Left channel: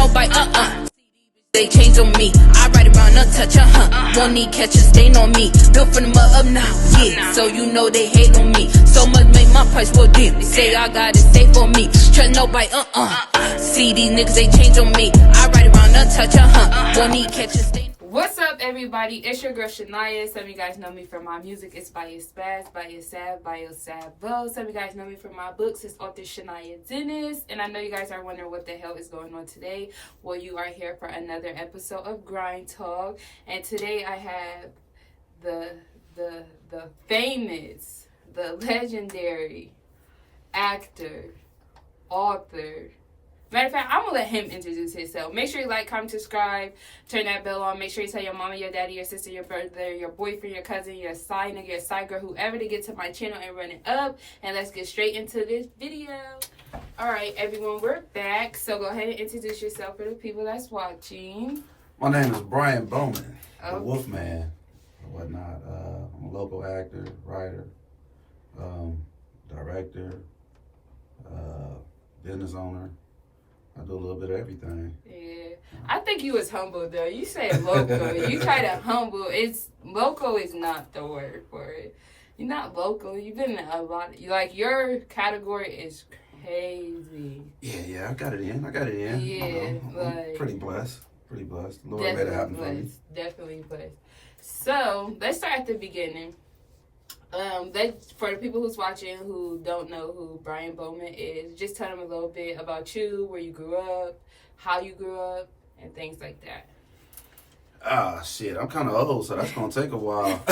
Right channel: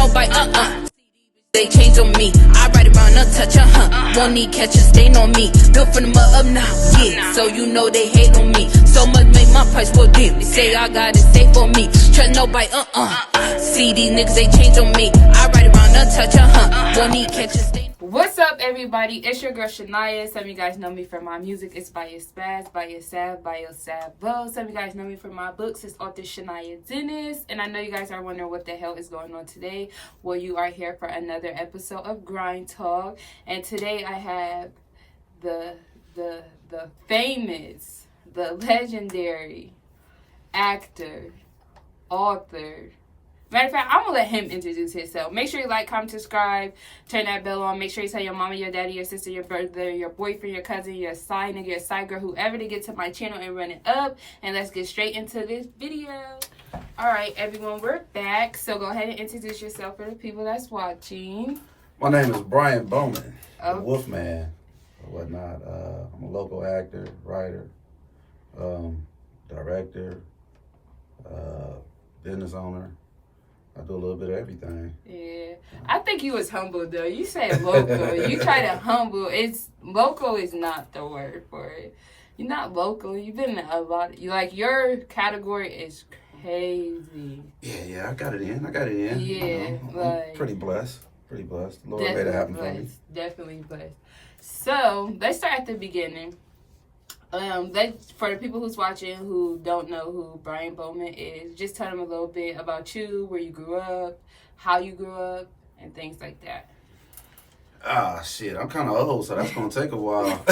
nobody, They change on me. I ride around untouched, Won't need catch a stain on me. Built from the mud up now, yeah. So you know they hate on me. So much make my price real deep. They say I got it safe on me. Trust nobody, See these niggas, they change on me. I ride around untouched, Won't need catch a stain. What's up, everybody? It's your girl Shaniya. Some of you guys know me from my music. It's by your spaz, by your sav, by your sabo. Some of you guys know me from my books. It's author Shaniya Dennis. And I know you guys are wondering what the hell is going on today. Well, you are here for another episode of Grind Talk. And today I have the famous, the legendary actor, author. Matter of fact, I'm going to let him introduce himself. Make sure you like, comment, subscribe, turn that bell on. Make sure you tell your mama, your daddy, your sister, your brother, your boyfriend, your cousin, your side nigga, your side girl, whoever to get to my channel and run it up. And let's get straight into this video. All right, everyone, we're back. So go ahead and introduce yourself for the people that's watching. My name is Brianbowman, Okay. the Wolfman, or whatnot. I'm a local actor, writer, director, business owner. I do a little bit of everything. Yeah. I think you was humble, though. You said local. You try to humble. Local is not the word for it. You're not local. You've been in a lot. Your category is crazy. Yeah, I got it in. Yeah, I'm pretty blessed. The Lord made it happen for me. Definitely blessed. So, let's start at the beginning. For the people who's watching who don't know who Brianbowman is, just tell them a little bit about you, where you grew up, how you grew up, and things like that. Shit, I'm kind of old, so that's going to take a while.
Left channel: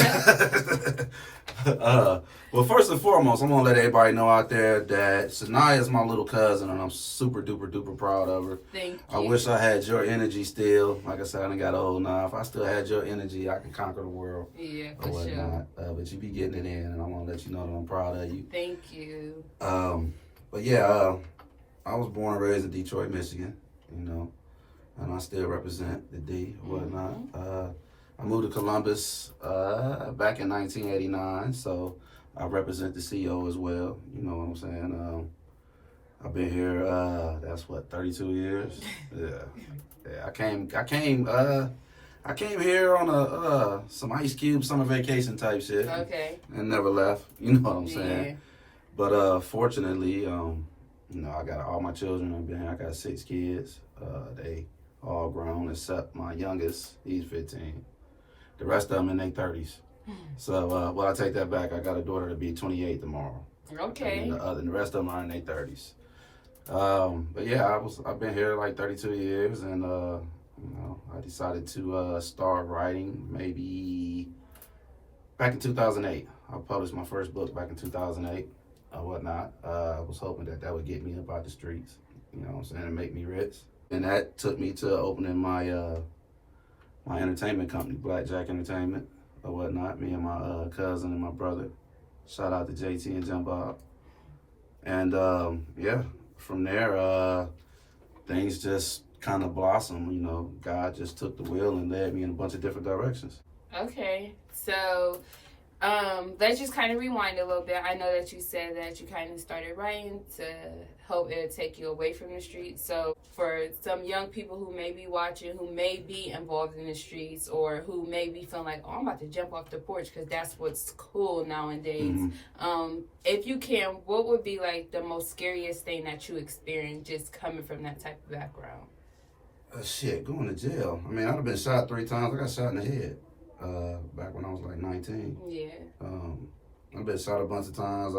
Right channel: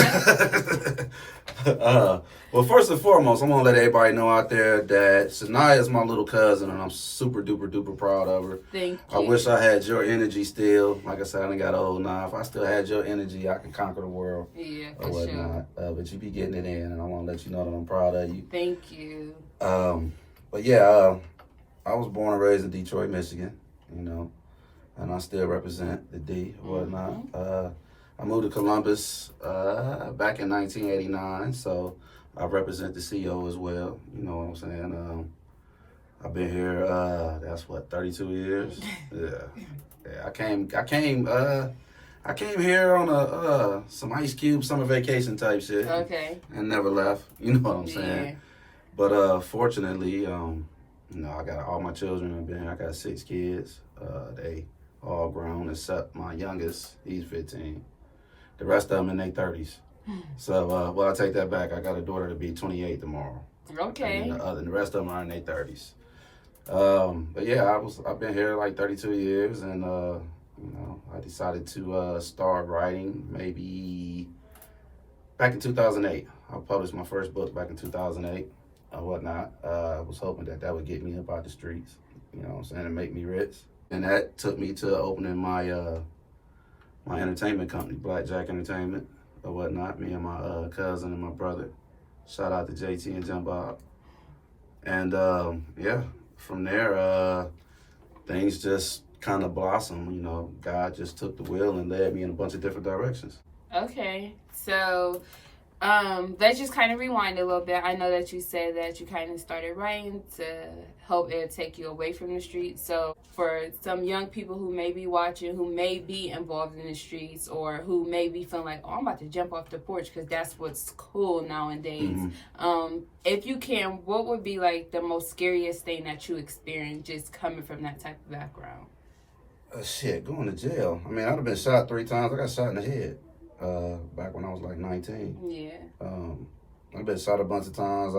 Well, first and foremost, I'm going to let everybody know out there that Shaniya is my little cousin, and I'm super duper proud of her. Thank you. I wish I had your energy still. Like I said, I done got old now. If I still had your energy, I can conquer the world. Yeah, or whatnot. Sure. But you be getting it in, and I want to let you know that I'm proud of you. Thank you. But yeah, I was born and raised in Detroit, Michigan, and I still represent the D or whatnot. Mm-hmm. I moved to Columbus back in 1989, so I represent the CEO as well. You know what I'm saying? I've been here. That's 32 years. Yeah. I came here on some Ice Cube summer vacation type shit. Okay. And never left. You know what I'm saying? Yeah. But fortunately, I got all my children. I've been here. I got 6 kids. They all grown except my youngest. He's 15. The rest of them in their 30s. So, I take that back. I got a daughter to be 28 tomorrow. Okay. And the rest of them are in their 30s. But yeah, I've been here like 32 years, and I decided to start writing maybe back in 2008. I published my first book back in 2008 or whatnot. I was hoping that would get me up out the streets, you know what I'm saying, and make me rich. And that took me to opening my my entertainment company, Blackjack Entertainment or whatnot. Me and my cousin and my brother. Shout out to JT and John Bob. And yeah, from there, things just kind of blossomed. God just took the wheel and led me in a bunch of different directions. Okay, so let's just kind of rewind a little bit. I know that you said that you kind of started writing to help it take you away from the streets. So for some young people who may be watching, who may be involved in the streets, or who may be feeling like, I'm about to jump off the porch because that's what's cool nowadays. Mm-hmm. If you can, what would be like the most scariest thing that you experienced just coming from that type of background? Shit, going to jail. I mean, I'd have been shot 3 times. I got shot in the head. Back when I was like 19. Yeah. I've been shot a bunch of times.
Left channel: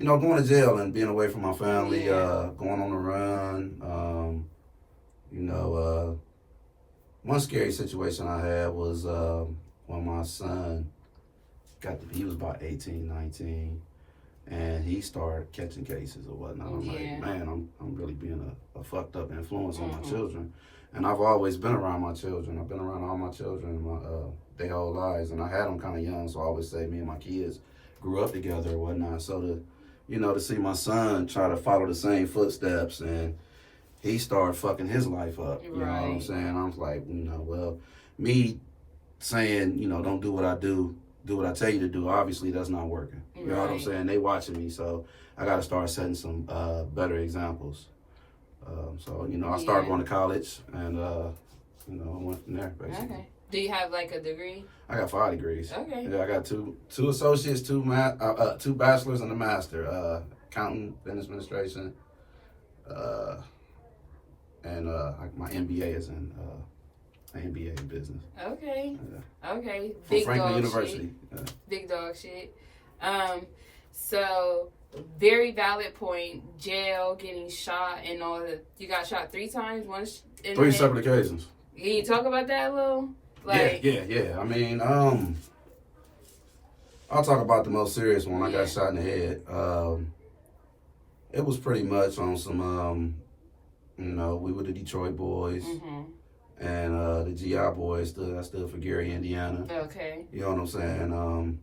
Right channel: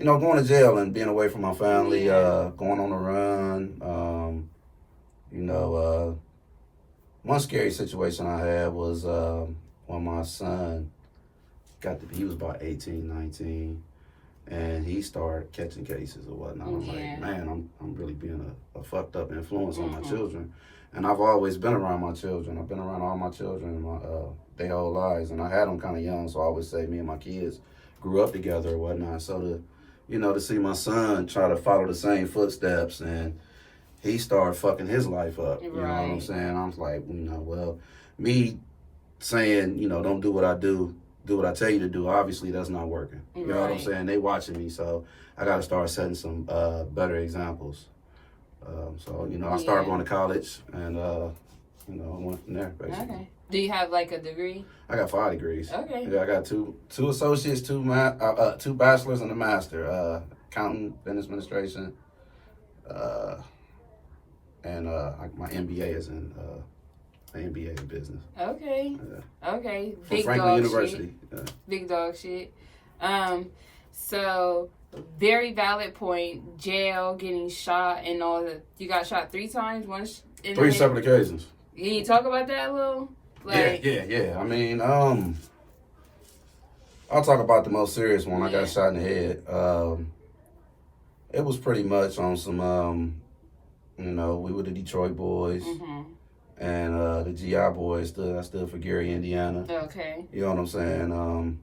Going to jail and being away from my family, going on the run. One scary situation I had was when my son he was about 18, 19, and he started catching cases or whatnot. I'm like, man, I'm really being a fucked up influence on my children. And I've always been around my children. I've been around all my children their whole lives. And I had them kind of young, so I always say me and my kids grew up together or whatnot. So to see my son try to follow the same footsteps, and he started fucking his life up. You know what I'm saying? I was like, me saying, don't do what I do what I tell you to do, obviously that's not working. You know what I'm saying? They watching me, so I got to start setting some better examples. So, you know, I started going to college and, you know, I went from there, basically. Okay. Do you have like a degree? I got 5 degrees. Okay. Yeah, I got two associates, two bachelors, and a master. Accounting, business administration, and my MBA is in MBA in business. Okay. Yeah. Okay. From Big Franklin dog University. shit. Yeah. Big dog shit. So very valid point. Jail, getting shot, and all that. You got shot 3 times. Once. 3 separate occasions. Can you talk about that a little? Like, Yeah. I mean, I'll talk about the most serious one. I got shot in the head. It was pretty much on some, you know, we were the Detroit boys, and the GI boys I stood for Gary, Indiana. Okay. You know what I'm saying?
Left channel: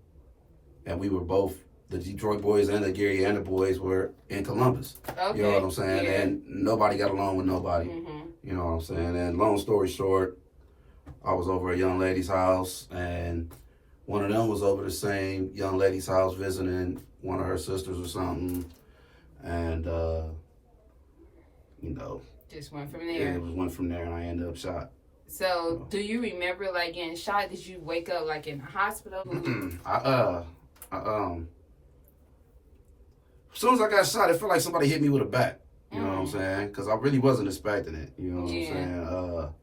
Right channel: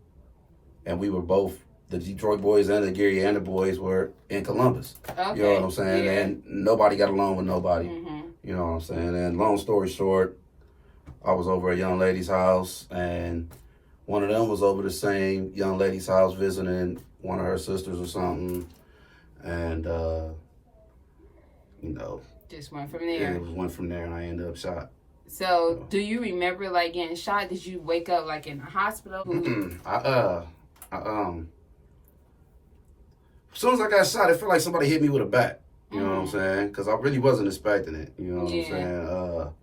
And we were both, the Detroit boys and the Gary, Indiana boys were in Columbus. Okay. You know what I'm saying? Yeah. And nobody got along with nobody. You know what I'm saying? And long story short, I was over at a young lady's house, and one of them was over the same young lady's house visiting one of her sisters or something. And, you know, just went from there. It went from there, and I ended up shot. So, do you remember like getting shot? Did you wake up like in the hospital? As soon as I got shot, it felt like somebody hit me with a bat. You know what I'm saying? Because I really wasn't expecting it. You know what I'm saying?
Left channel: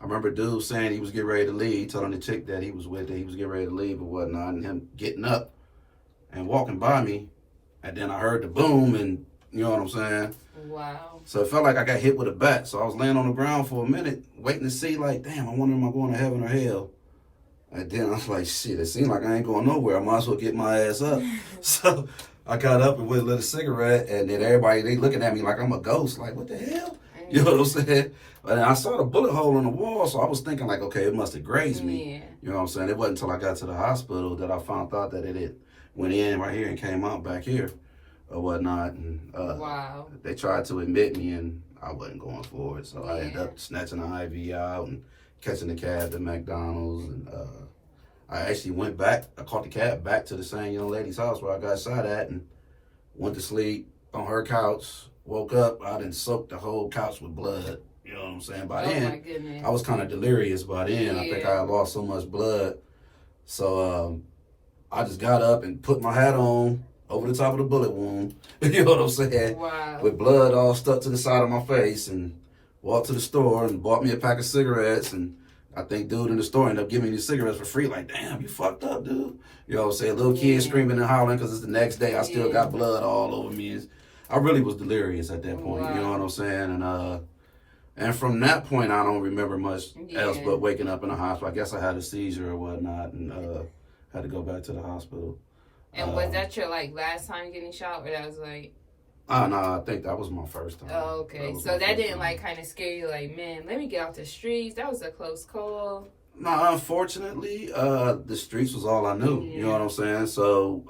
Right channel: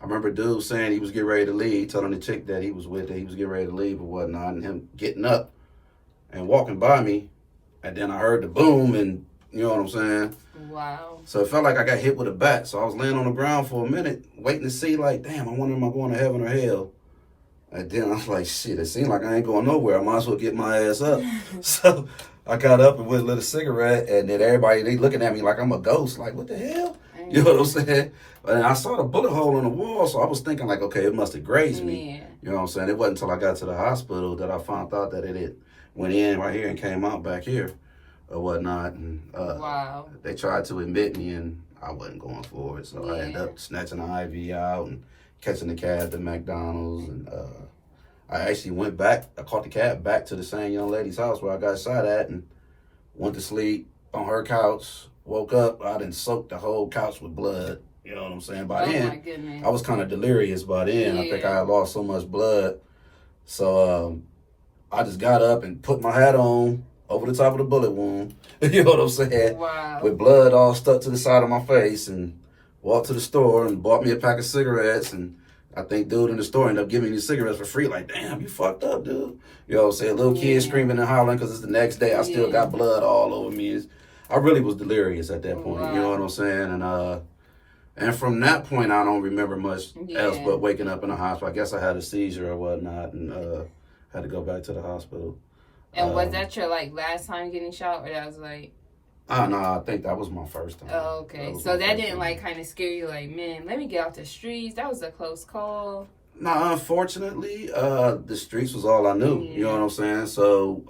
I remember dude saying he was getting ready to leave, telling the chick that he was with that he was getting ready to leave or whatnot, and him getting up and walking by me, and then I heard the boom, and you know what I'm saying? Wow. So it felt like I got hit with a bat. So I was laying on the ground for a minute, waiting to see, like, damn, I wonder am I going to heaven or hell? And then I was like, shit, it seems like I ain't going nowhere. I might as well get my ass up. So I got up and went and lit a cigarette, and then everybody, they looking at me like I'm a ghost. Like, what the hell? You know what I'm saying? And I saw the bullet hole in the wall, so I was thinking like, okay, it must have grazed me. Yeah. You know what I'm saying? It wasn't until I got to the hospital that I found out that it went in right here and came out back here or whatnot. And wow. They tried to admit me, and I wasn't going for it. So I ended up snatching the IV out and catching the cab to McDonald's. And I actually went back. I caught the cab back to the same young lady's house where I got shot at, and went to sleep on her couch. Woke up, I done soaked the whole couch with blood. You know what I'm saying? By then, my goodness. I was kind of delirious by then. I think I had lost so much blood. So I just got up and put my hat on over the top of the bullet wound. You know what I'm saying? Wow. With blood all stuck to the side of my face, and walked to the store and bought me a pack of cigarettes. And I think dude in the store ended up giving me the cigarettes for free. Like, damn, you fucked up, dude. You know what I'm saying? Little kids screaming and hollering because it's the next day. I still got blood all over me. I really was delirious at that point. You know what I'm saying? And from that point, I don't remember much else but waking up in the hospital. I guess I had a seizure or whatnot, and had to go back to the hospital. And was that your like last time getting shot, or that was like? Oh no, I think that was my first time. Oh, okay. So that didn't like kind of scare you, like, man, let me get off the streets. That was a close call. No, unfortunately, the streets was all I knew. You know what I'm saying? So,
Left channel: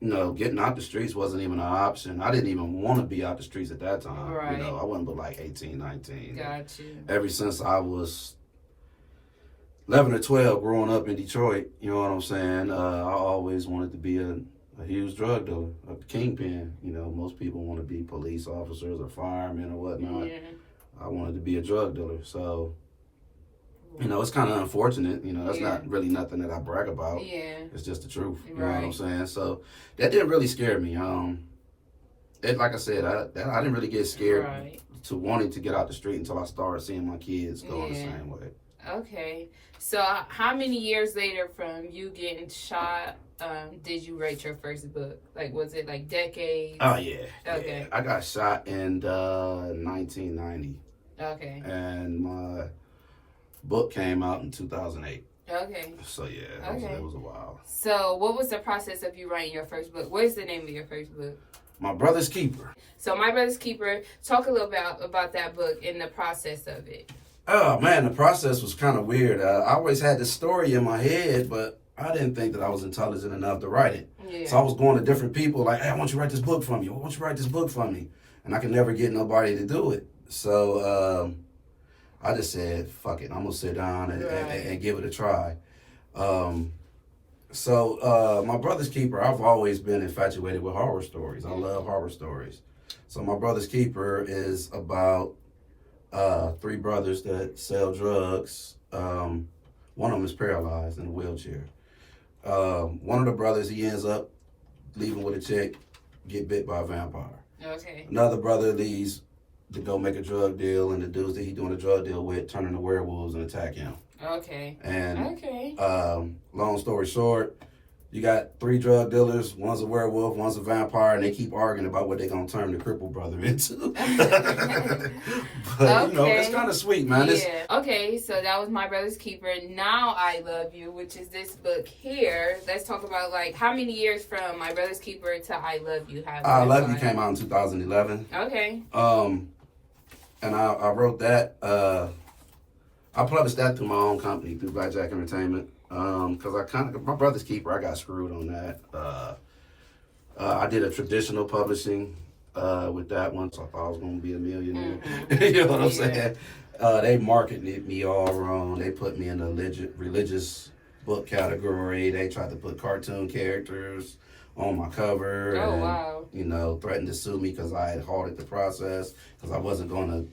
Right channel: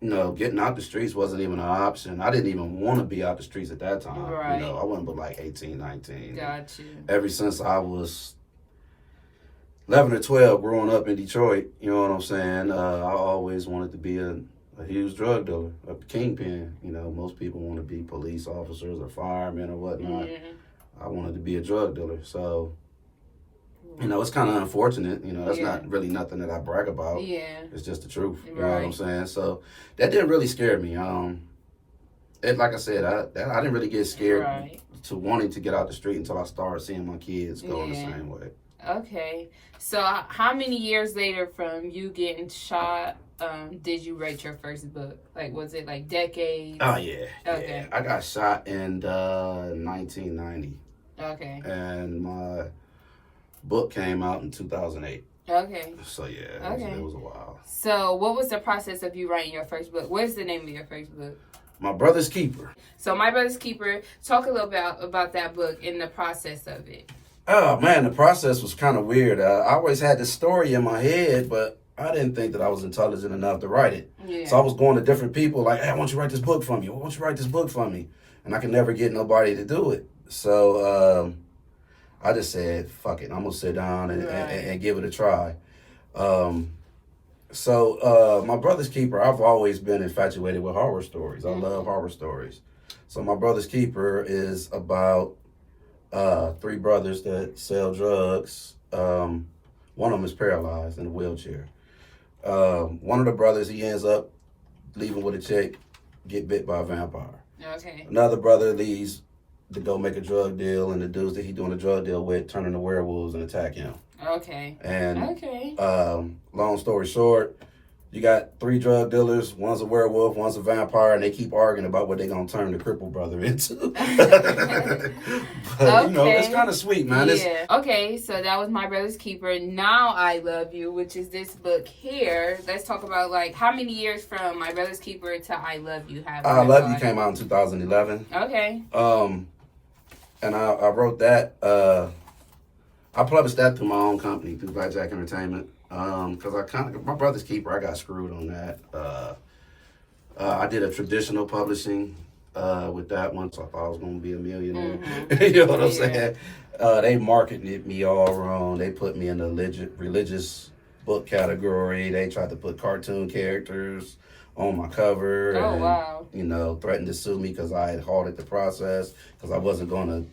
you know, getting out the streets wasn't even an option. I didn't even want to be out the streets at that time. Right. You know, I wasn't but like 18, 19. Got you. Ever since I was 11 or 12 growing up in Detroit, you know what I'm saying? I always wanted to be a huge drug dealer, a kingpin. You know, most people want to be police officers or firemen or whatnot. I wanted to be a drug dealer. So, you know, it's kind of unfortunate. You know, that's not really nothing that I brag about. It's just the truth. You know what I'm saying? So that didn't really scare me. Like I said, I didn't really get scared to wanting to get out the street until I started seeing my kids going the same way. Okay. So how many years later from you getting shot did you write your first book? Like, was it like decades? Oh, yeah. Okay. Yeah. I got shot in 1990. Okay. And my book came out in 2008. Okay. So, yeah, it was a while. So what was the process of you writing your first book? What is the name of your first book? My Brother's Keeper. So My Brother's Keeper, talk a little about that book and the process of it. Oh, man, the process was kind of weird. I always had this story in my head, but I didn't think that I was intelligent enough to write it. Yeah. So I was going to different people like, hey, I want you to write this book for me. I want you to write this book for me. And I could never get nobody to do it. So I just said, fuck it. I'm going to sit down and give it a try. So My Brother's Keeper, I've always been infatuated with horror stories. I love horror stories. So my brother's keeper is about 3 brothers that sell drugs. One of them is paralyzed in a wheelchair. One of the brothers, he ends up leaving with a chick, get bit by a vampire. Okay. Another brother leaves to go make a drug deal, and the dudes that he's doing a drug deal with turn into werewolves and attack him. Okay. And long story short, you got 3 drug dealers. One's a werewolf, one's a vampire, and they keep arguing about what they're gonna turn the crippled brother into. But you know, it's kind of sweet, man. Yeah. Okay, so that was My Brother's Keeper. Now I Love You, which is this book here. Let's talk about like how many years from My Brother's Keeper to I Love You have. I Love You came out in 2011. Okay. And I wrote that. I published that through my own company, through Blackjack Entertainment. Because My Brother's Keeper, I got screwed on that. I did a traditional publishing with that one, so I thought I was going to be a millionaire. Mm-hmm. You know what I'm saying? They marketed me all wrong. They put me in the religious book category. They tried to put cartoon characters on my cover. Oh, and, wow. you know, threatened to sue me because I had halted the process, because I wasn't going to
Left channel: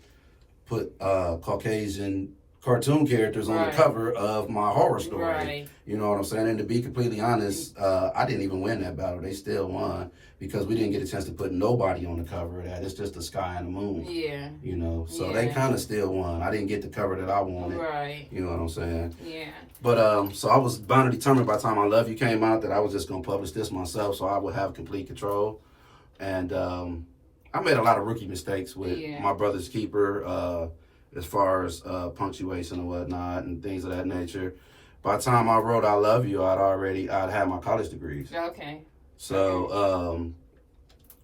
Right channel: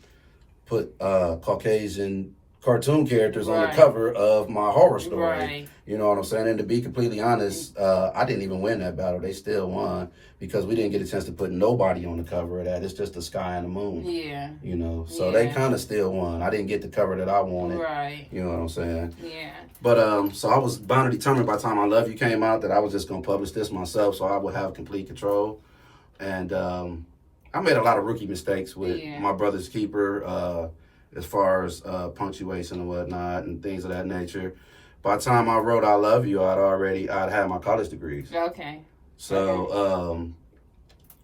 put Caucasian cartoon characters on the cover of my horror story. Right. You know what I'm saying? And to be completely honest, I didn't even win that battle. They still won because we didn't get a chance to put nobody on the cover of that. It's just the sky and the moon. Yeah. You know, so they kind of still won. I didn't get the cover that I wanted. Right. You know what I'm saying? Yeah. But so I was bound and determined by the time I Love You came out that I was just going to publish this myself, so I would have complete control. And I made a lot of rookie mistakes with My Brother's Keeper, as far as punctuation and whatnot and things of that nature. By the time I wrote I Love You, I'd had my college degrees. Okay. So,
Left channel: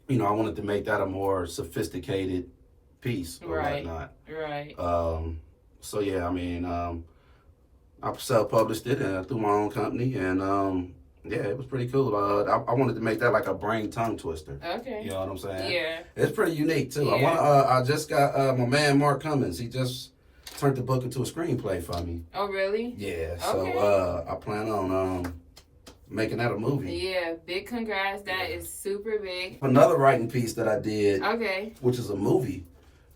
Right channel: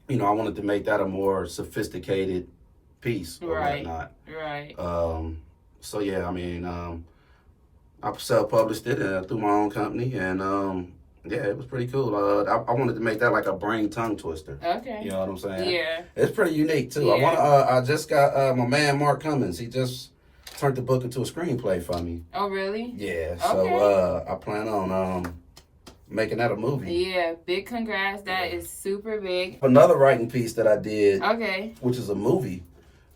you know, I wanted to make that a more sophisticated piece or whatnot. Right. So, yeah, I mean, I self-published it through my own company, and yeah, it was pretty cool. I wanted to make that like a brain tongue twister. Okay. You know what I'm saying? Yeah. It's pretty unique too. Yeah. I just got my man Mark Cummins. He just turned the book into a screenplay for me. Oh, really? Yeah. So I plan on making that a movie. Yeah. Big congrats. That is super big. Another writing piece that I did. Okay. Which is a movie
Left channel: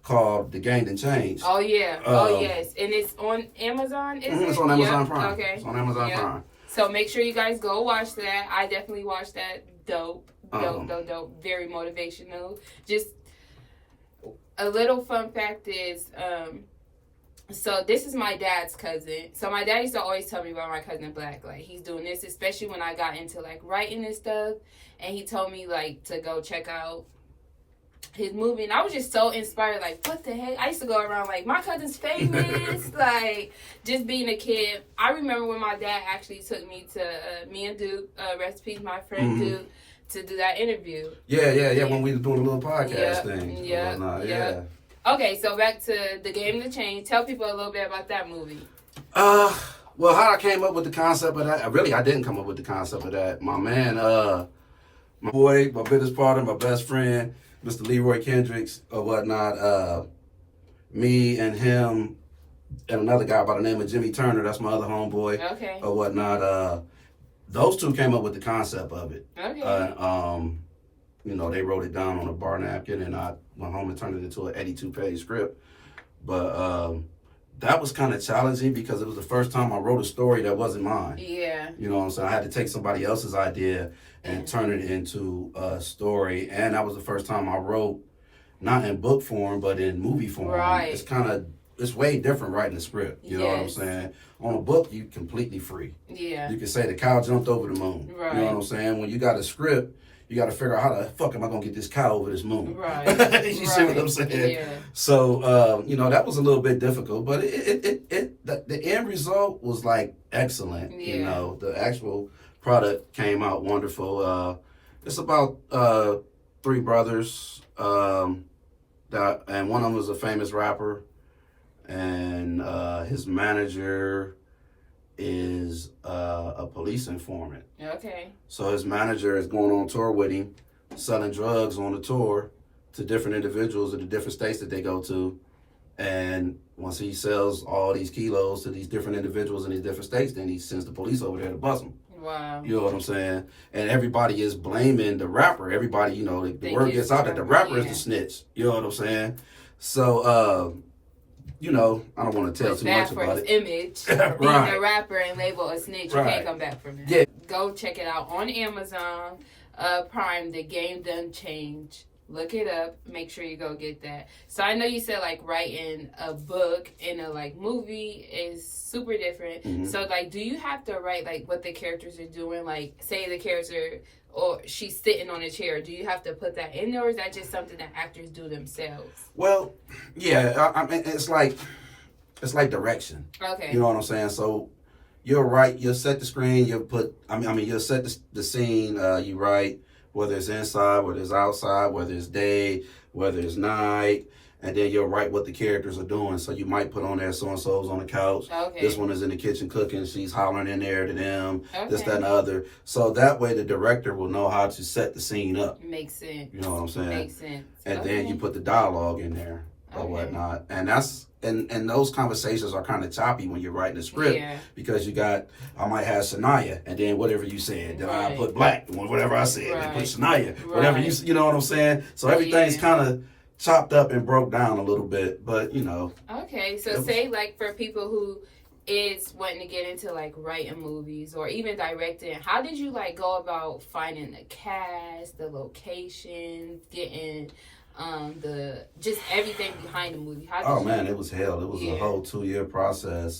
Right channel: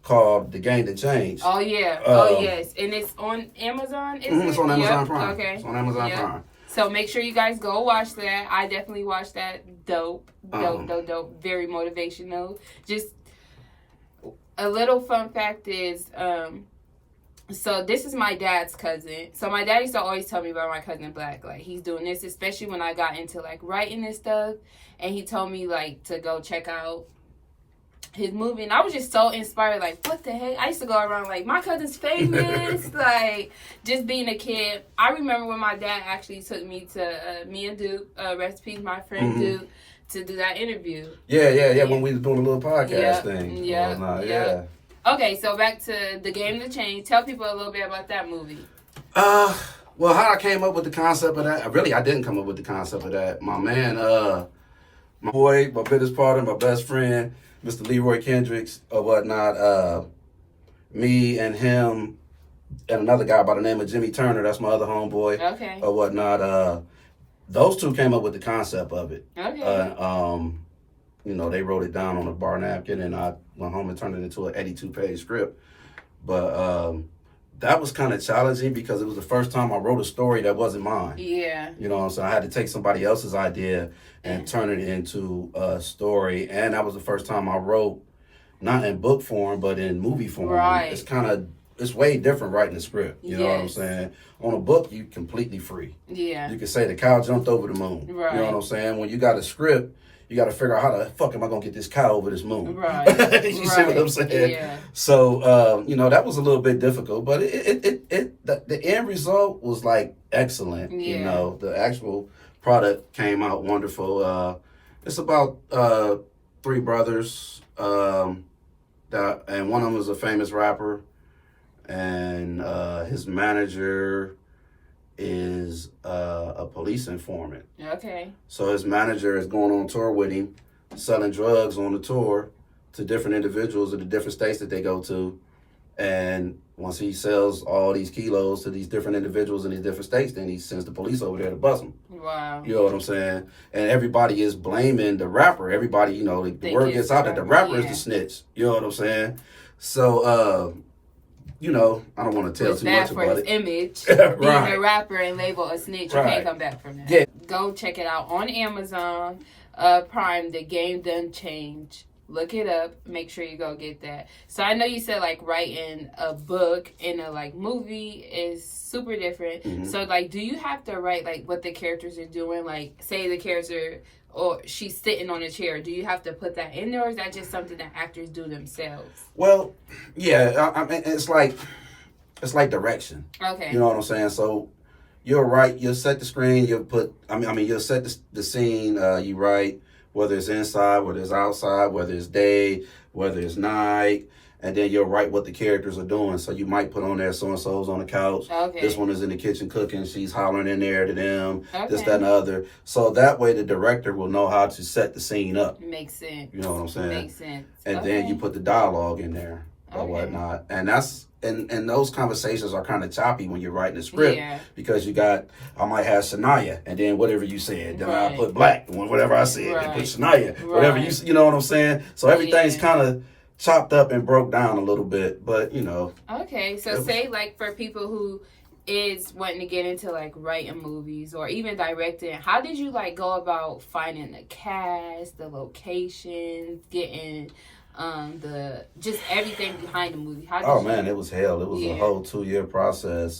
called The Gained and Changed. Oh yeah. Oh yes. And it's on Amazon. It's on Amazon Prime. Okay. It's on Amazon Prime. So make sure you guys go watch that. I definitely watched that. Dope. Very motivational. Just a little fun fact is, so this is my dad's cousin. So my dad used to always tell me about my cousin Black. Like, he's doing this, especially when I got into like writing and stuff. And he told me like to go check out his movie, and I was just so inspired. Like, what the heck? I used to go around like, my cousin's famous. Like, just being a kid. I remember when my dad actually took me to me and Duke, rest in peace, my friend Duke, to do that interview. Yeah. When we was doing a little podcast thing. Yeah. Okay, so back to The Game to Change. Tell people a little bit about that movie. Well, how I came up with the concept of that? Really, I didn't come up with the concept of that. My man, my boy, my business partner, my best friend, Mr. Leroy Kendricks or whatnot, me and him and another guy by the name of Jimmy Turner, that's my other homeboy, or whatnot, those two came up with the concept of it. You know, they wrote it down on a bar napkin, and I went home and turned it into an 82-page script. But that was kind of challenging because it was the first time I wrote a story that wasn't mine. Yeah. You know what I'm saying? I had to take somebody else's idea and turn it into a story. And that was the first time I wrote, not in book form, but in movie form. Right. It's way different writing a script. You know what I'm saying? On a book, you're completely free. Yeah. You can say the cow jumped over the moon. Right. You know what I'm saying? When you got a script, you got to figure out how the fuck am I going to get this cow over this moon. Right. You see what I'm saying? Yeah. So, you know, that was a little bit difficult, but the end result was like excellent. Yeah. You know, the actual product came out wonderful. It's about 3 brothers, and one of them is a famous rapper, and his manager is a police informant. Okay. So his manager is going on tour with him, selling drugs on the tour to different individuals in the different states that they go to. And once he sells all these kilos to these different individuals in these different states, then he sends the police over there to bust him. Wow. You know what I'm saying? And everybody is blaming the rapper. Everybody, you know, the word gets out that the rapper is the snitch. You know what I'm saying? So, you know, I don't want to tell too much about it. It's bad for his image. Right. Being a rapper and labeled a snitch, you can't come back from that. Yeah. Go check it out on Amazon Prime. The Game Done Change. Look it up. Make sure you go get that. So I know you said like writing a book and a like movie is super different. Mm-hmm. So like, do you have to write like what the characters are doing? Like, say the character or she's sitting on a chair. Do you have to put that in there, or is that just something that actors do themselves? Well, yeah. I mean, it's like direction. Okay. You know what I'm saying? So you'll write. You'll set the screen. You'll put. I mean, you'll set the scene. You write. Whether it's inside, whether it's outside, whether it's day, whether it's night, and then you'll write what the characters are doing. So you might put on there, so-and-so's on the couch. Okay. This one is in the kitchen cooking. She's hollering in there to them. Okay. This, that, and the other. So that way the director will know how to set the scene up. Makes sense. You know what I'm saying? Makes sense. And then you put the dialogue in there or whatnot. And that's... And those conversations are kind of choppy when you're writing a script because I might have Shaniya, and then whatever you said, then I'll put black, whatever I said, then put Shaniya, whatever you know what I'm saying? So everything's kind of chopped up and broke down a little bit, but you know. Okay, so say like for people who is wanting to get into like writing movies or even directing, how did you like go about finding the cast, the locations, getting the just everything behind the movie? Man, it was hell. It was a whole 2-year process.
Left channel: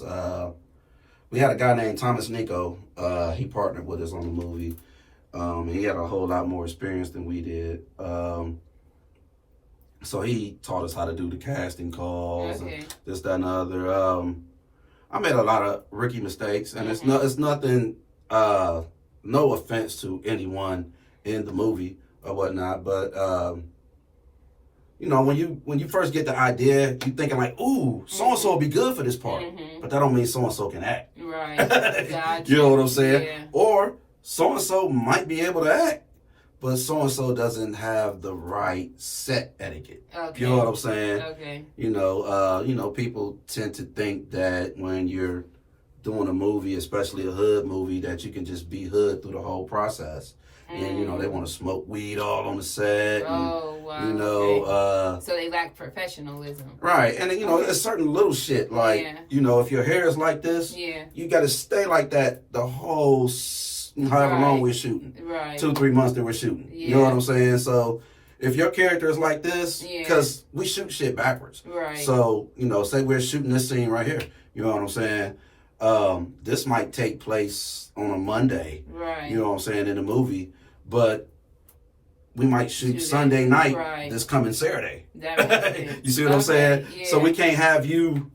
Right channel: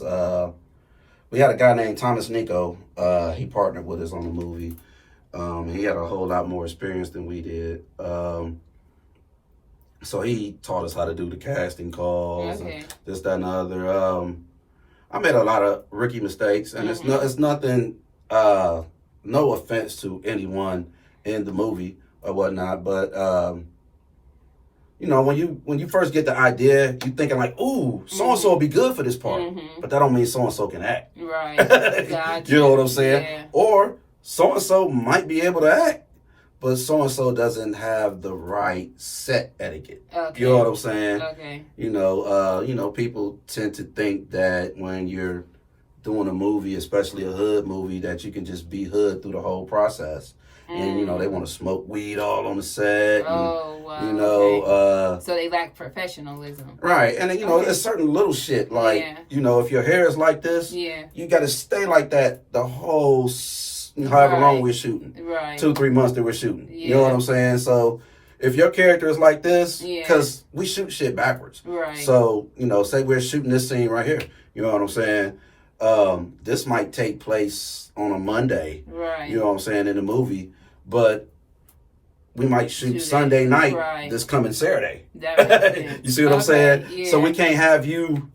We had a guy named Thomas Nico. He partnered with us on the movie. He had a whole lot more experience than we did. So he taught us how to do the casting calls and this, that, and the other. I made a lot of rookie mistakes, and it's nothing. No offense to anyone in the movie or whatnot, but. You know, when you first get the idea, you're thinking like, ooh, so-and-so will be good for this part. But that don't mean so-and-so can act. Right. Gotcha. You know what I'm saying? Yeah. Or so-and-so might be able to act, but so-and-so doesn't have the right set etiquette. Okay. You know what I'm saying? Okay. You know, people tend to think that when you're doing a movie, especially a hood movie, that you can just be hood through the whole process. And, you know, they want to smoke weed all on the set. Oh, wow. You know, so they lack professionalism. Right. And, you know, there's certain little shit like, you know, if your hair is like this, you got to stay like that the whole, however long we're shooting. Right. 2-3 months that we're shooting. You know what I'm saying? So if your character is like this, because we shoot shit backwards. Right. So, you know, say we're shooting this scene right here. You know what I'm saying? This might take place on a Monday. Right. You know what I'm saying, in the movie. But we might shoot Sunday night this coming Saturday. You see what I'm saying? Yeah. So we can't have you,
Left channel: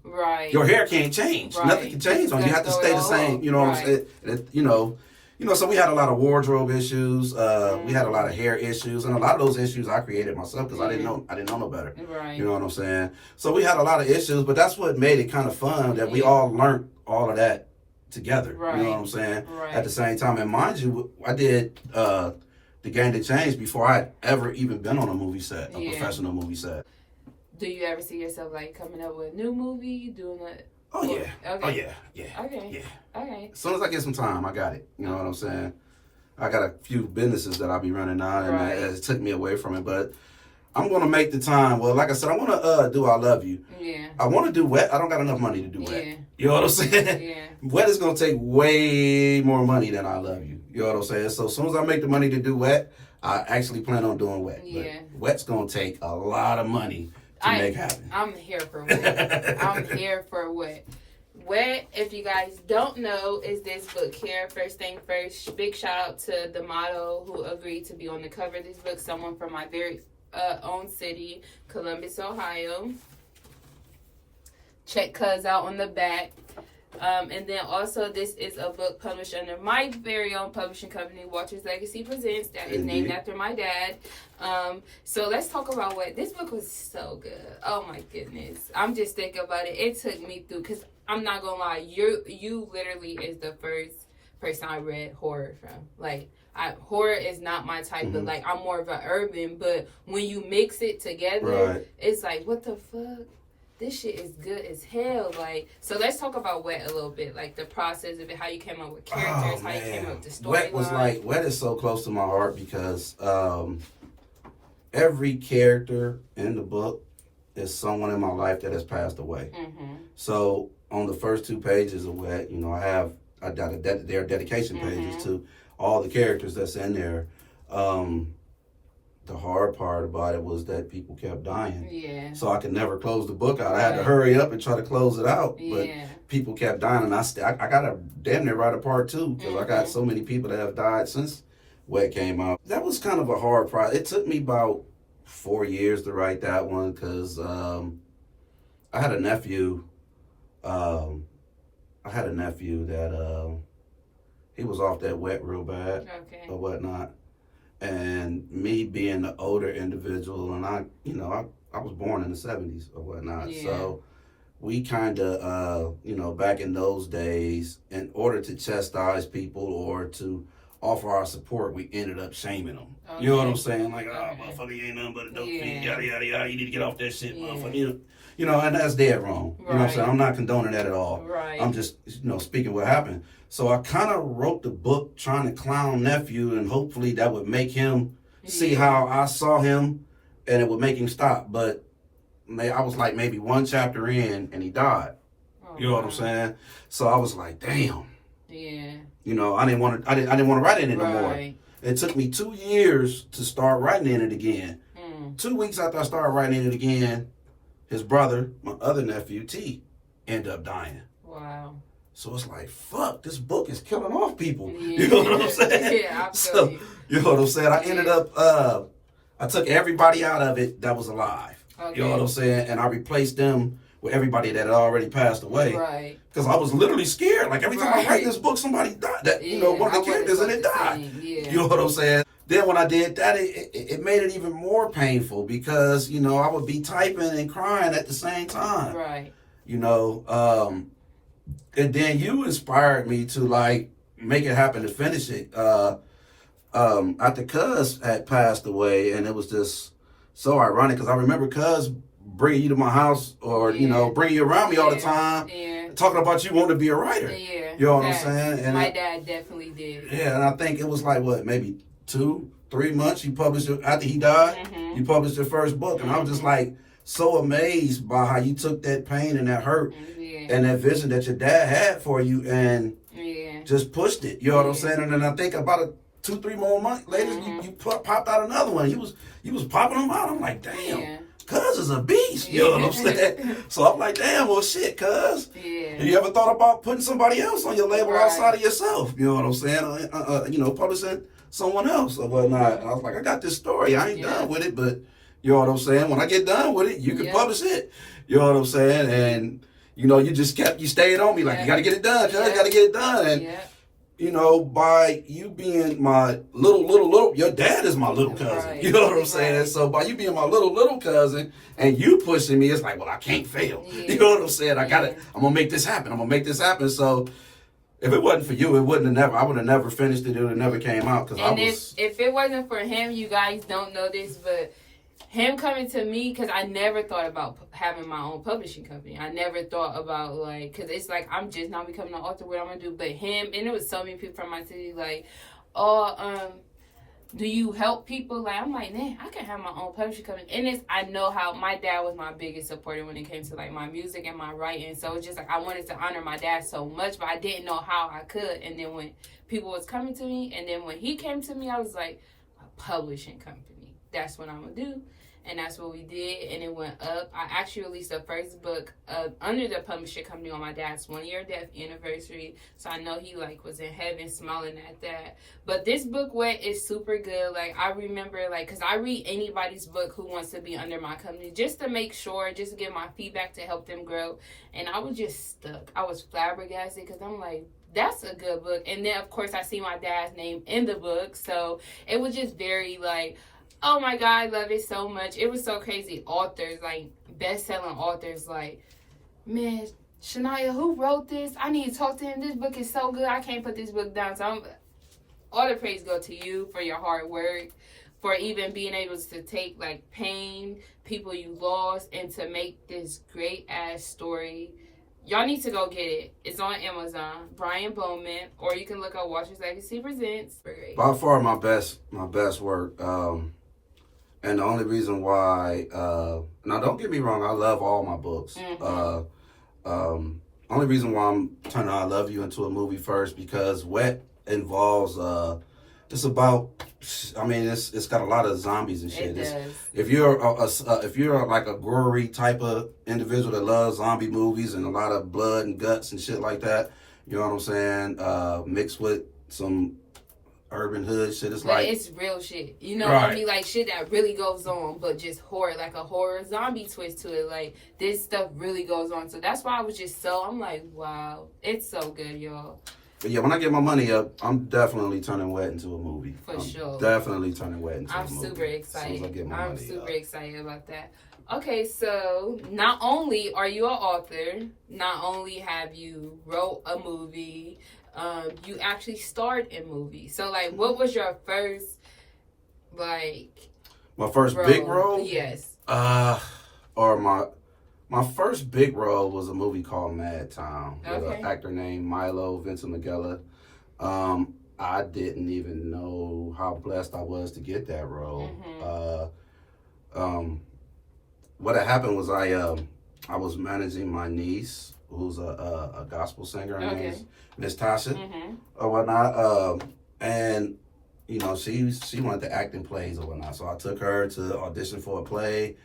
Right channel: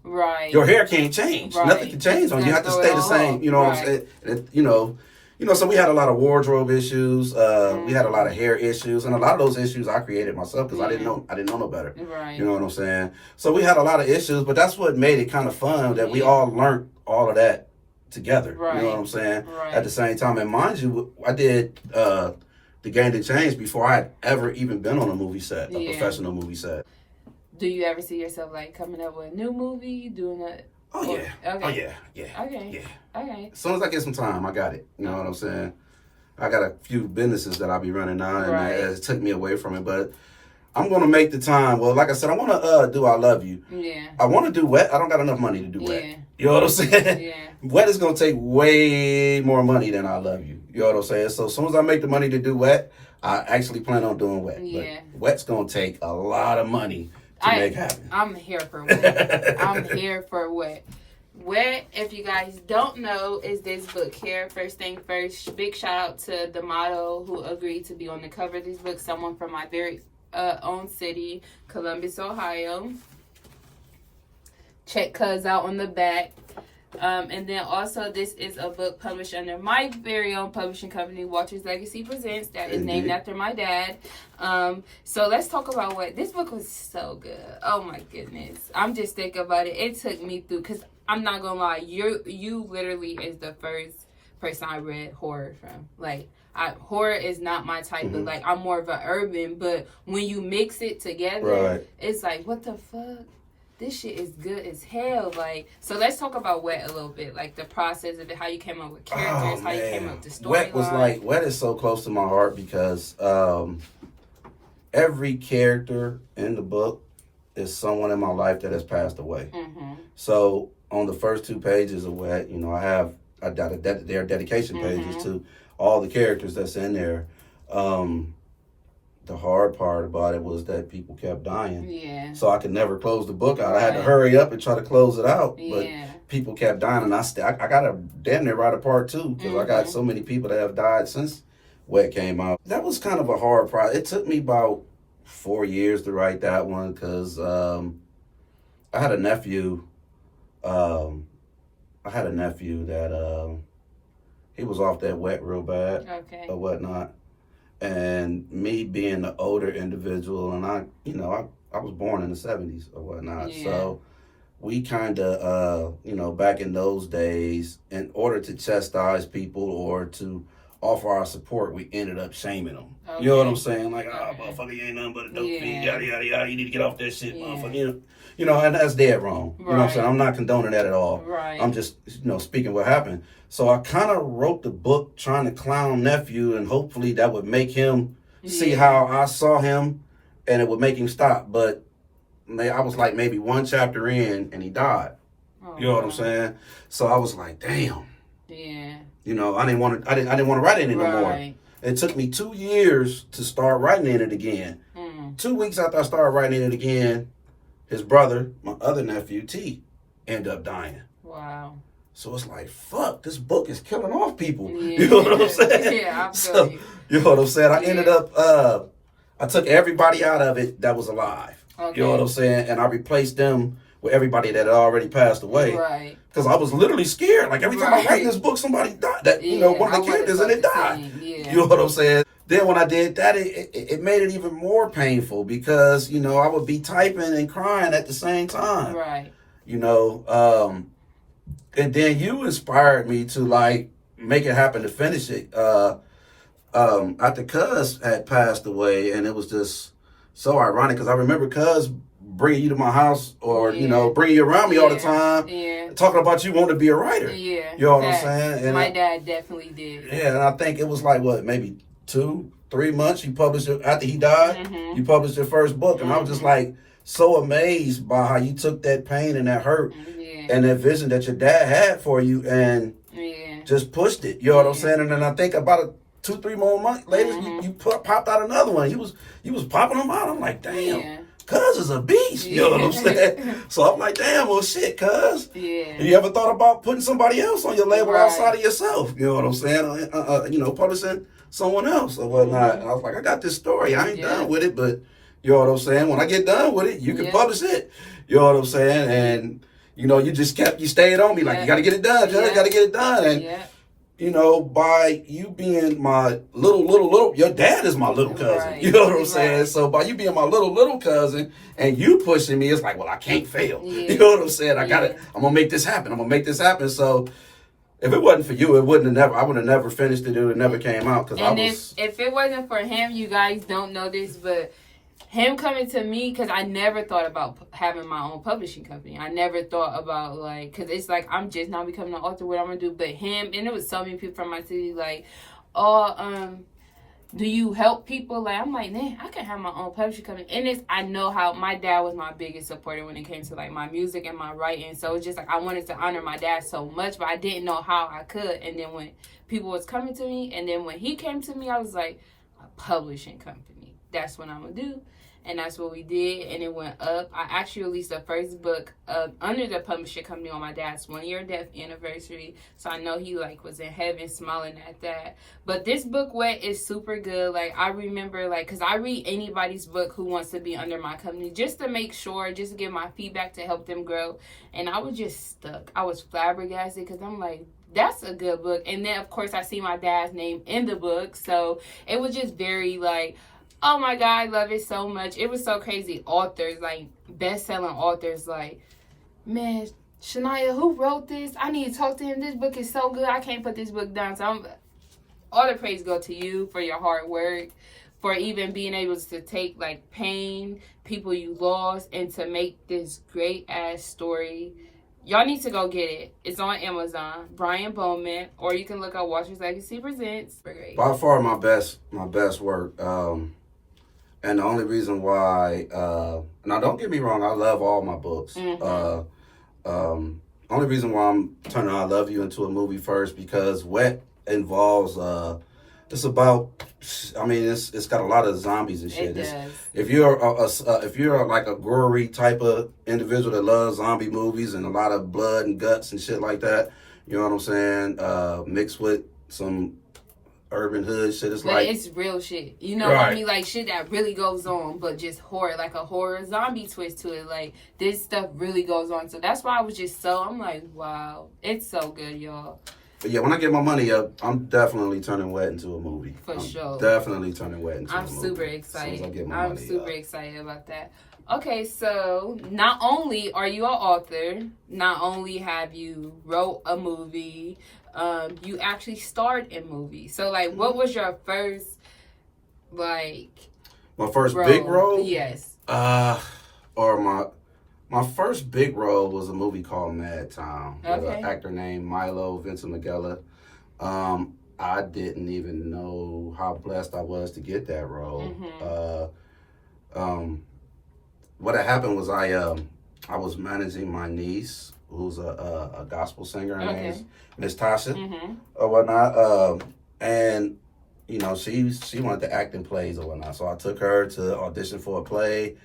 your hair can't change. Nothing can change on you. You have to stay the same. You know what I'm saying? You know, so we had a lot of wardrobe issues. We had a lot of hair issues. And a lot of those issues I created myself because I didn't know no better. Right. You know what I'm saying? So we had a lot of issues, but that's what made it kind of fun that we all learned all of that together. You know what I'm saying? At the same time. And mind you, I did The Game That Changed before I had ever even been on a movie set, a professional movie set. Do you ever see yourself like coming up with a new movie, doing it? Oh yeah. Okay. Oh yeah. Yeah. Okay. Yeah. Okay. As soon as I get some time, I got it. You know what I'm saying? I got a few businesses that I'll be running now, and it took me away from it, but I'm going to make the time. Well, like I said, I want to do I Love You. Yeah. I want to do Wet. I don't got enough money to do Wet. You know what I'm saying? Yeah. Wet is going to take way more money than I Love You. You know what I'm saying? So as soon as I make the money to do Wet, I actually plan on doing Wet. Yeah. But Wet's going to take a lot of money to make happen. I'm here for Wet. I'm here for Wet. Wet, if you guys don't know, is this book here. First thing first, big shout out to the model who agreed to be on the cover of this book, someone from my very own city, Columbus, Ohio. Check Cuz out on the back. And then also this is a book published under my very own publishing company, Walter's Legacy Presents, that is named after my dad. So let's talk about what this book was. So good. Oh my goodness, I'm just thinking about it. It took me through, because I'm not gonna lie, you literally is the first person I read horror from. Like, horror is not my type, but like I'm more of an urban, but when you mix it together, it's like, what the fuck? this shit is good as hell. Like, so let's talk about Wet a little bit, like the process of it, how you came up with characters, how you came up with the storyline. Wet is so close to my heart because every character in the book is someone in my life that has passed away. Mm-hmm. So on the first 2 pages of Wet, you know, I got their dedication pages to all the characters that's in there. The hard part about it was that people kept dying. Yeah. So I could never close the book out. I had to hurry up and try to close it out. Yeah. But people kept dying, and I got to damn near write a part 2 because I got so many people that have died since Wet came out. That was kind of a hard process. It took me about 4 years to write that one because I had a nephew. That he was off that Wet real bad or whatnot. And me being the older individual, and I was born in the 70s or whatnot. Yeah. So we kind of, back in those days, in order to chastise people or to offer our support, we ended up shaming them. Okay. You know what I'm saying? Like, motherfucker, you ain't nothing but a dope fiend, yada, yada, yada. You need to get off that shit, motherfucker. You know, and that's dead wrong. You know what I'm saying? I'm not condoning that at all. Right. I'm just, speaking what happened. So I kind of wrote the book trying to clown nephew, and hopefully that would make him see how I saw him, and it would make him stop. But I was like maybe 1 chapter in, and he died. You know what I'm saying? So I was like, damn. Yeah. You know, I didn't want to write in it no more. It took me 2 years to start writing in it again. 2 weeks after I started writing in it again, his brother, my other nephew, T, ended up dying. Wow. So it's like, fuck, this book is killing off people. Yeah. You know what I'm saying? Yeah, you know what I'm saying? I ended up, I took everybody out of it that was alive. Okay. You know what I'm saying? And I replaced them with everybody that had already passed away. Right. Because I was literally scared. Like, every time I write this book, somebody died. One of the characters in it died. Yeah. You know what I'm saying? Then when I did that, it made it even more painful because, I would be typing and crying at the same time. Right. And then you inspired me to, like, make it happen to finish it. After Cuz had passed away, and it was just so ironic because I remember Cuz bringing you to my house or, bringing you around me all the time, talking about you wanting to be a writer. Yeah. You know what I'm saying? And my dad definitely did. Yeah, and I think it was like, maybe 2-3 months you published it after he died. You published your first book, and I was just like so amazed by how you took that pain and that hurt and that vision that your dad had for you and just pushed it. You know what I'm saying? And then I think about 2-3 more months later, you popped out another one. You was popping them out. I'm like, damn. Cuz is a beast, you know what I'm saying? So I'm like, damn, well, shit, Cuz. Yeah. You ever thought about putting somebody else on your label outside of yourself? You know what I'm saying? Publishing someone else or whatnot. And I was like, I got this story. I ain't done with it, but you know what I'm saying? When I get done with it, you can publish it. You know what I'm saying? And, you stayed on me like, you got to get it done, Cuz, you got to get it done. And, by you being my little, your dad is my little cousin. Right. You know what I'm saying? So by you being my little cousin and you pushing me, it's like, well, I can't fail. Yeah. You know what I'm saying? I'm going to make this happen. So if it wasn't for you, I would have never finished it. It would have never came out. If it wasn't for him, you guys don't know this, but him coming to me, because I never thought about having my own publishing company. I never thought about, because it's like, I'm just now becoming an author, what I'm going to do. But him, and there was so many people from my city, do you help people? I'm like, man, I can have my own publishing company. And I know how my dad was my biggest supporter when it came to, my music and my writing. So it's just, I wanted to honor my dad so much, but I didn't know how I could. And then when people was coming to me, and then when he came to me, I was like, a publishing company. That's what I'm going to do. And that's what we did, and it went up. I actually released the first book under the publishing company on my dad's 1-year death anniversary. So I know he was in heaven smiling at that. But this book, Wet, is super good. I remember, because I read anybody's book who wants to be under my company just to make sure, just to get my feedback to help them grow. And I was just stuck. I was flabbergasted because I'm like, that's a good book. And then, of course, I see my dad's name in the book. So it was just very, oh my God, I love it so much. It was so crazy. Authors, best-selling authors, man, Shaniya, who wrote this? I need to talk to him. This book is so good. I can't put this book down. So all the praise go to you for your hard work. for even being able to take like pain, people you lost, and to make this great ass story. Y'all need to go get it. It's on Amazon. Brianbowman, or you can look up Walter's Legacy Presents. By far my best work. And the only reason why, now don't get me wrong, I love all my books. Only reason why I'm turning I Love You into a movie first, because Wet involves just about, I mean, it's got a lot of zombies and shit. It does. If you're like a gory type of individual that loves zombie movies and a lot of blood and guts and shit like that, you know what I'm saying? Mixed with some urban hood shit, it's real shit. You know what I mean? Like shit that really goes on, but just horror, like a horror zombie twist to it. Like this stuff really goes on. So that's why I was just I'm like, wow, it's so good, y'all. But yeah, when I get my money up, I'm definitely turning Wet into a movie. For sure. Definitely turning Wet into a movie. I'm super excited. I'm super excited about that. Okay, so not only are you an author, not only have you wrote a movie, you actually starred in movies. So, like, what was your first, like, my first role? Big role? Yes. Or my first big role was a movie called Mad Town with Okay. an actor named Milo Vincent McGilla. I didn't even know how blessed I was to get that role. What had happened was I was managing my niece, who's a gospel singer. Her name is Miss Tasha or whatnot. And you know, she wanted to act in plays or whatnot. So I took her to audition for a play,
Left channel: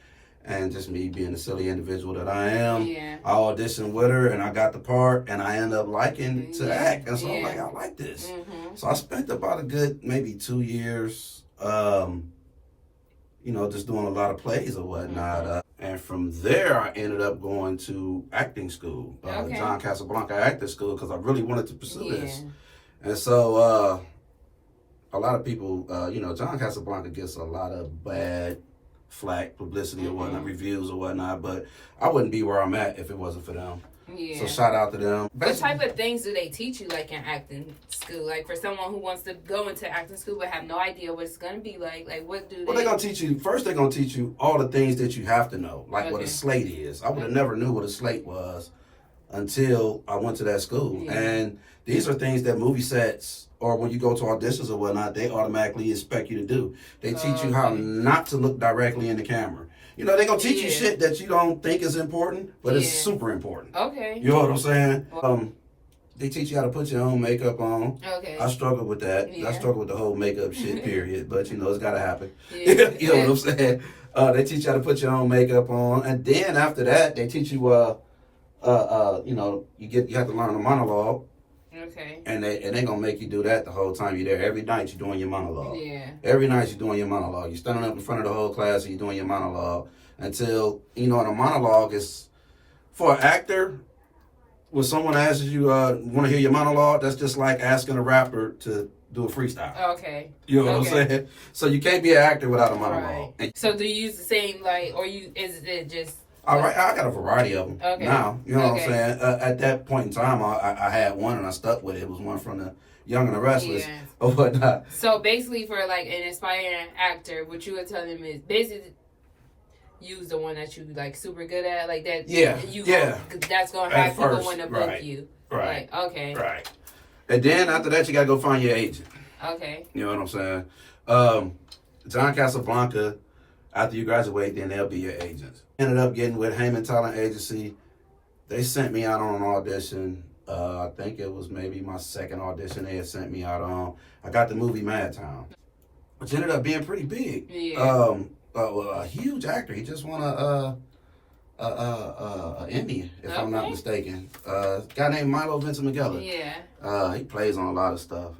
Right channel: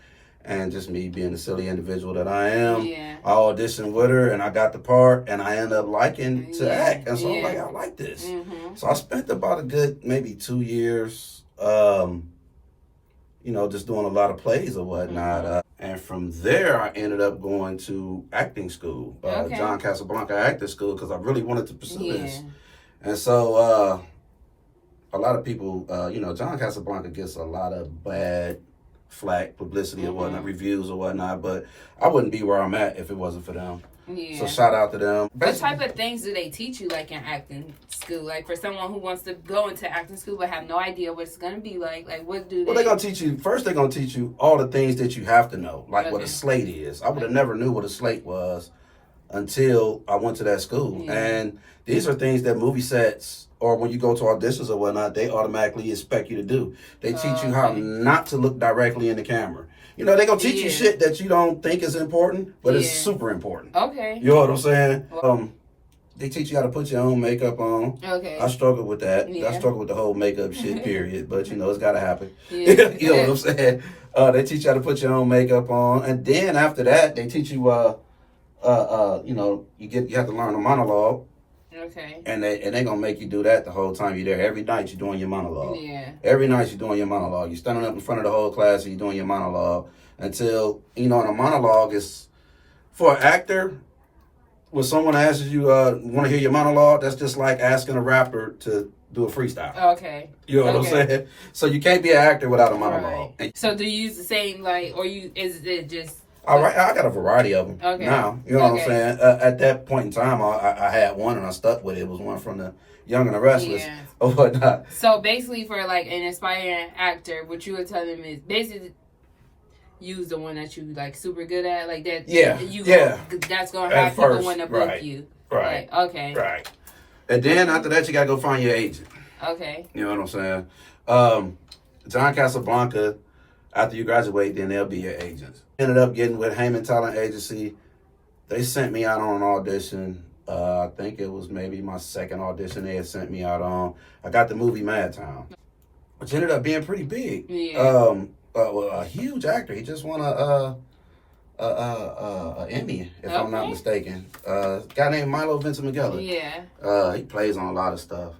and just me being the silly individual that I am, I auditioned with her and I got the part, and I ended up liking to act. And so I'm like, I like this. So I spent about a good maybe 2 years, you know, just doing a lot of plays or whatnot. And from there, I ended up going to acting school, John Casablanca Acting School, because I really wanted to pursue this. And so a lot of people, you know, John Casablanca gets a lot of bad flack, publicity or whatnot, reviews or whatnot, but I wouldn't be where I'm at if it wasn't for them. So shout out to them. What type of things do they teach you, like, in acting school? Like, for someone who wants to go into acting school but have no idea what it's going to be like what do they... Well, they're going to teach you, first they're going to teach you all the things that you have to know, like what a slate is. I would have never knew what a slate was until I went to that school. And these are things that movie sets, or when you go to auditions or whatnot, they automatically expect you to do. They teach you how not to look directly in the camera. You know, they're going to teach you shit that you don't think is important, but it's super important. Okay. You know what I'm saying? They teach you how to put your own makeup on. Okay. I struggle with that. I struggle with the whole makeup shit, period. But, you know, it's got to happen. You know what I'm saying? They teach you how to put your own makeup on. And then after that, they teach you, you know, you have to learn a monologue. Okay. And they're going to make you do that the whole time you're there. Every night you're doing your monologue. Yeah. Every night you're doing your monologue. You're standing up in front of the whole class and you're doing your monologue until, you know, and a monologue is, for an actor, when someone asks you, want to hear your monologue, that's just like asking a rapper to do a freestyle. Okay. You know what I'm saying? So you can't be an actor without a monologue. Right. So do you use the same, like, or is it just... All right, I got a variety of them now. You know what I'm saying? At that point in time, I had one and I stuck with it. It was one from the Young and the Restless or whatnot. So basically, for like an aspiring actor, what you would tell them is basically use the one that you like super good at, like that. That's gonna have people want to book you. Right. Like, okay. Right. And then after that, you gotta go find your agent. Okay. You know what I'm saying? John Casablanca. After you graduate, then they'll be your agents. Ended up getting with Heyman Talent Agency. They sent me out on an audition. I think it was maybe my second audition they had sent me out on. I got the movie Mad Town, which ended up being pretty big. A huge actor. He just won a Emmy, if I'm not mistaken. Guy named Milo Vincent McGilla. He plays on a lot of stuff.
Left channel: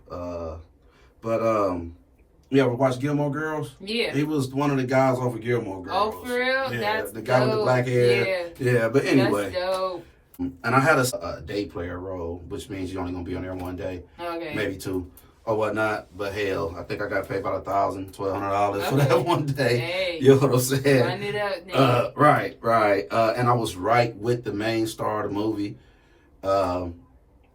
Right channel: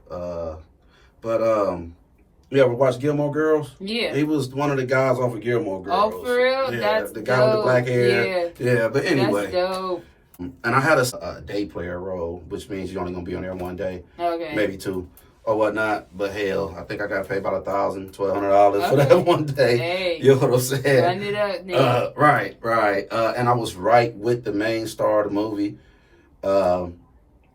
You ever watch Gilmore Girls? Yeah. He was one of the guys off of Gilmore Girls. Oh, for real? Yeah, That's the guy with the black hair. Yeah, but anyway. That's dope. And I had a day player role, which means you're only going to be on there one day. Okay. Maybe two or whatnot. But hell, I think I got paid about $1,000, $1,200 for that one day. Hey. You know what I'm saying? Run it up, nigga. Right. And I was right with the main star of the movie.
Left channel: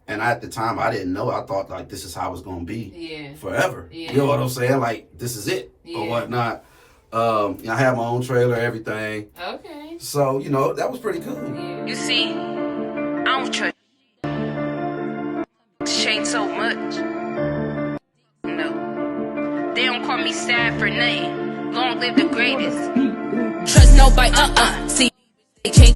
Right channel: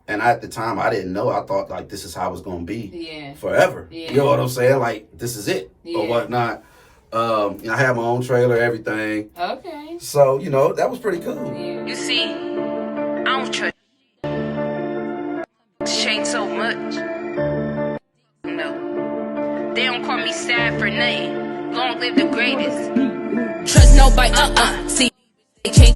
And at the time, I didn't know. I thought like this is how it's gonna be Yeah. forever. Yeah. You know what I'm saying? Like this is it or whatnot. I had my own trailer, everything. Okay. So you know that was pretty cool. You see, I don't trust change so much. No, they don't call me sad for nothing. Long live the greatest. Trust nobody. See, they change.